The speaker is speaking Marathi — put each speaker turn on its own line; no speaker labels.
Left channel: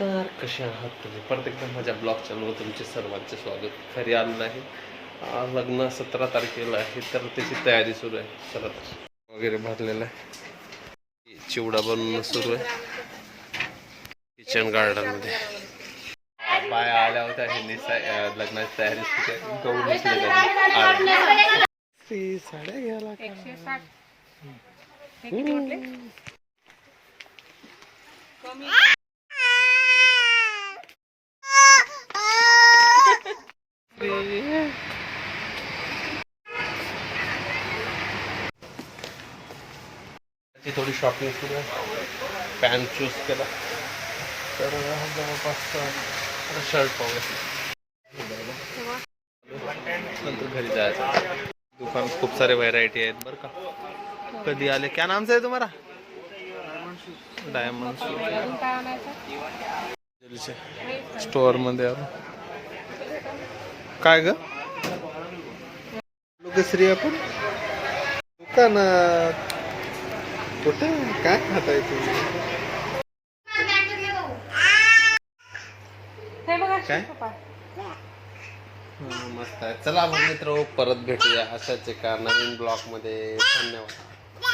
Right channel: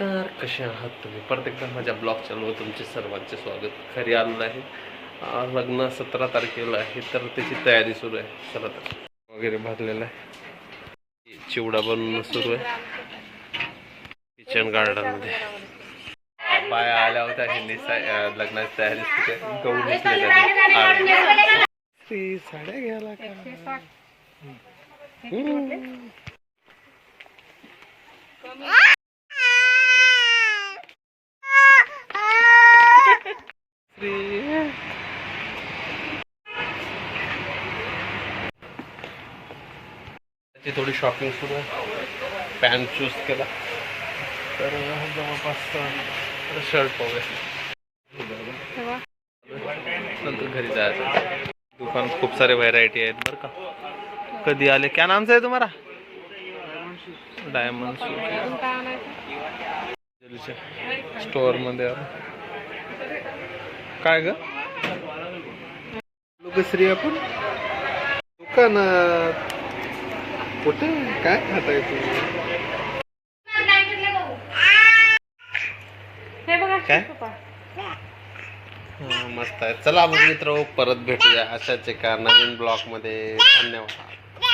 नमस्कार. कसे आहात तुम्ही? परत एकदा माझ्या ब्लॉग चॅनलवर तुमचे सर्वांचे स्वागत. खरी आलेलं आहे. आज लग्न सतरा तारखेला आहे तर त्याची तयारी सुरू आहे. चला तर. वगैरे भरलेला आहे. चिवडा बनवणं सुरू आहे. किचन गार्डनमध्ये बाया आल्या होत्या ह्यांनी लग्नाची तयारी सुरू आहे. गहू. ती साड्या घ्यायला का? हम्म. ती थोडी शॉपिंग सुरू आहे. पॅन्ट चूज केला. तर जवळपास शर्ट पाहूया. नंतर घरी जायचं. दुकान खूप सारे व्हरायटी आहेत बरं का. कधी आले? क्या नामचं आहे तुम्हाला डायमंड स्टोअरमध्ये काय ग? लोकश्री आपण? दुकानात. कुठे? काय खाताय तुम्ही? मस्त आहे. चला मग मित्र परत भेटूया अशाच एका नवीन ब्लॉगमध्ये धन्यवाद.